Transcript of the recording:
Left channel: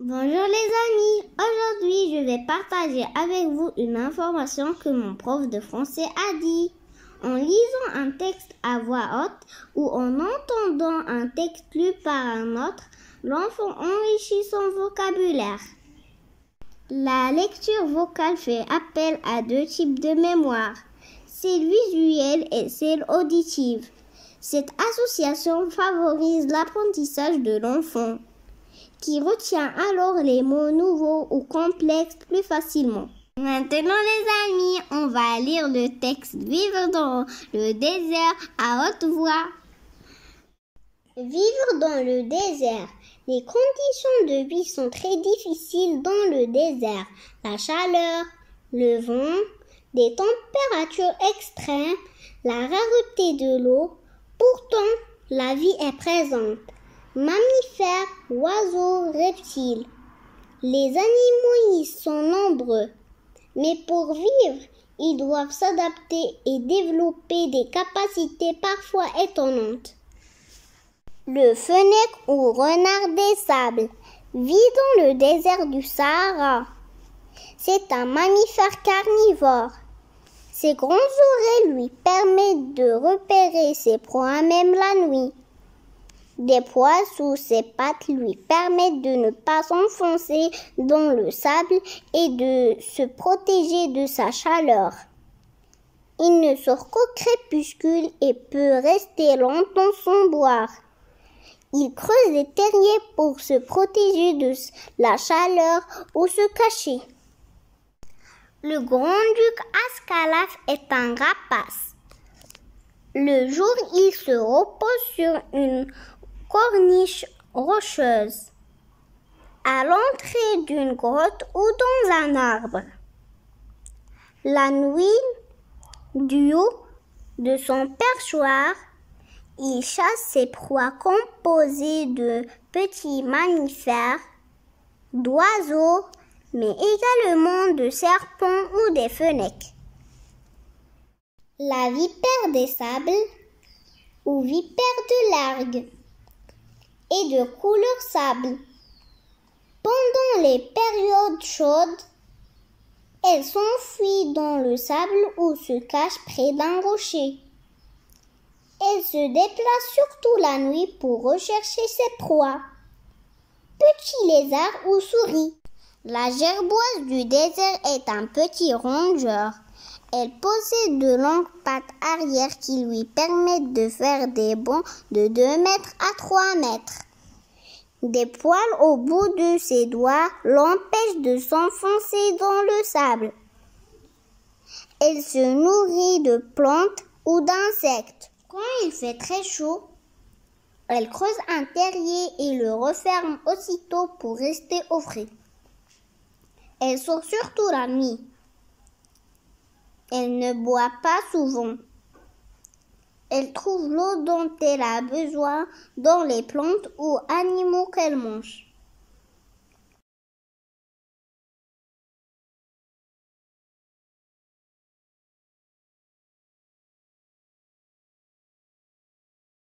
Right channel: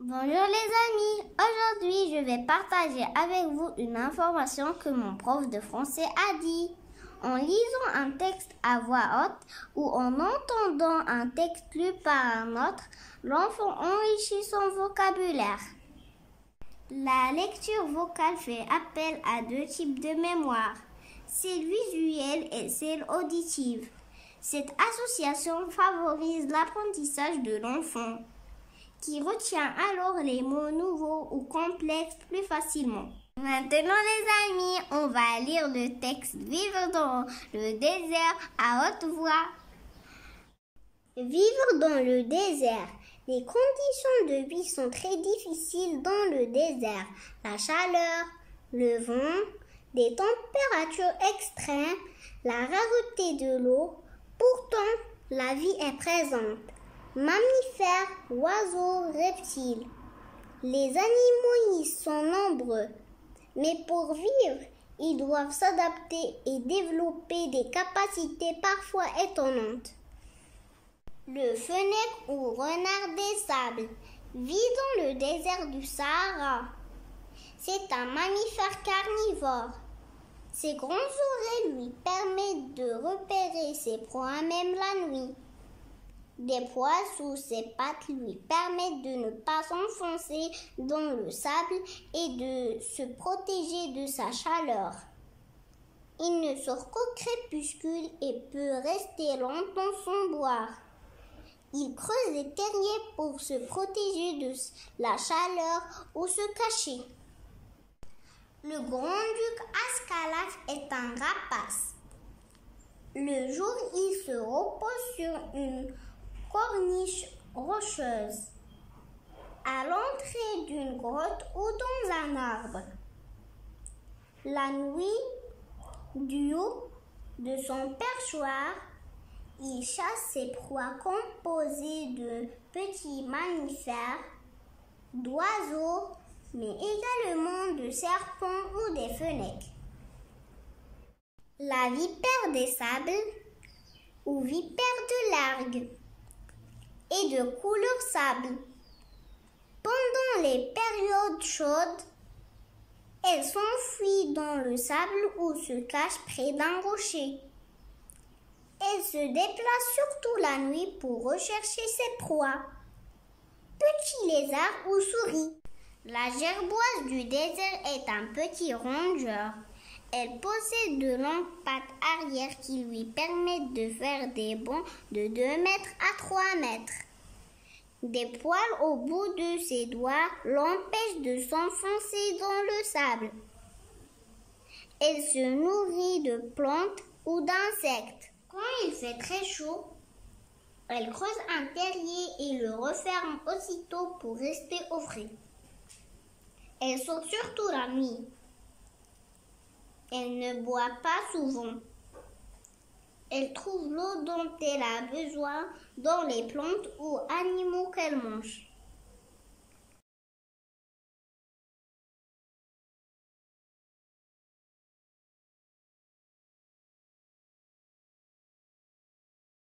Bonjour les amis, aujourd'hui je vais partager avec vous une information que mon prof de français a dit. En lisant un texte à voix haute ou en entendant un texte lu par un autre, l'enfant enrichit son vocabulaire. La lecture vocale fait appel à deux types de mémoire, celle visuelle et celle auditive. Cette association favorise l'apprentissage de l'enfant, qui retient alors les mots nouveaux ou complexes plus facilement. Maintenant les amis, on va lire le texte Vivre dans le désert à haute voix. Vivre dans le désert. Les conditions de vie sont très difficiles dans le désert. La chaleur, le vent, des températures extrêmes, la rareté de l'eau. Pourtant, la vie est présente. Mammifères, oiseaux, reptiles. Les animaux y sont nombreux. Mais pour vivre, ils doivent s'adapter et développer des capacités parfois étonnantes. Le fennec ou renard des sables vit dans le désert du Sahara. C'est un mammifère carnivore. Ses grands oreilles lui permettent de repérer ses proies même la nuit. Des poils sous ses pattes lui permettent de ne pas s'enfoncer dans le sable et de se protéger de sa chaleur. Il ne sort qu'au crépuscule et peut rester longtemps sans boire. Il creuse des terriers pour se protéger de la chaleur ou se cacher. Le grand-duc Ascalaphe est un rapace. Le jour, il se repose sur une corniche rocheuse, à l'entrée d'une grotte ou dans un arbre. La nuit, du haut de son perchoir, il chasse ses proies composées de petits mammifères, d'oiseaux, mais également de serpents ou des fennecs. La vipère des sables ou vipère de l'algue et de couleur sable. Pendant les périodes chaudes, elle s'enfuit dans le sable ou se cache près d'un rocher. Elle se déplace surtout la nuit pour rechercher ses proies, petits lézards ou souris. La gerboise du désert est un petit rongeur. Elle possède de longues pattes arrière qui lui permettent de faire des bonds de 2 mètres à 3 mètres. Des poils au bout de ses doigts l'empêchent de s'enfoncer dans le sable. Elle se nourrit de plantes ou d'insectes. Quand il fait très chaud, elle creuse un terrier et le referme aussitôt pour rester au frais. Elle sort surtout la nuit. Elle ne boit pas souvent. Elle trouve l'eau dont elle a besoin dans les plantes ou animaux qu'elle mange.